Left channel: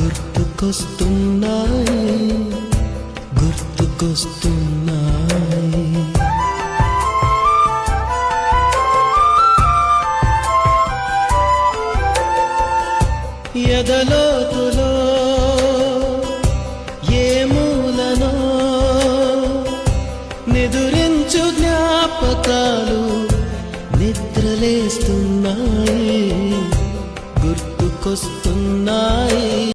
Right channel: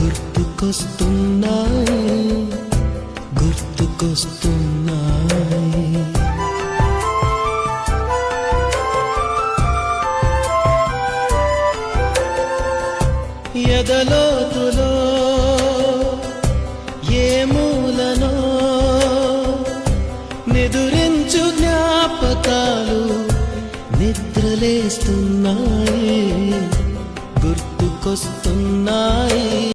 గుర్తుకొస్తున్నాయి గుర్తుకొస్తున్నాయి ఎదలోతులో ఏ మూలనో నిదురించు జ్ఞాపకాలు నిద్రలేస్తున్నాయి గుర్తుకొస్తున్నాయి.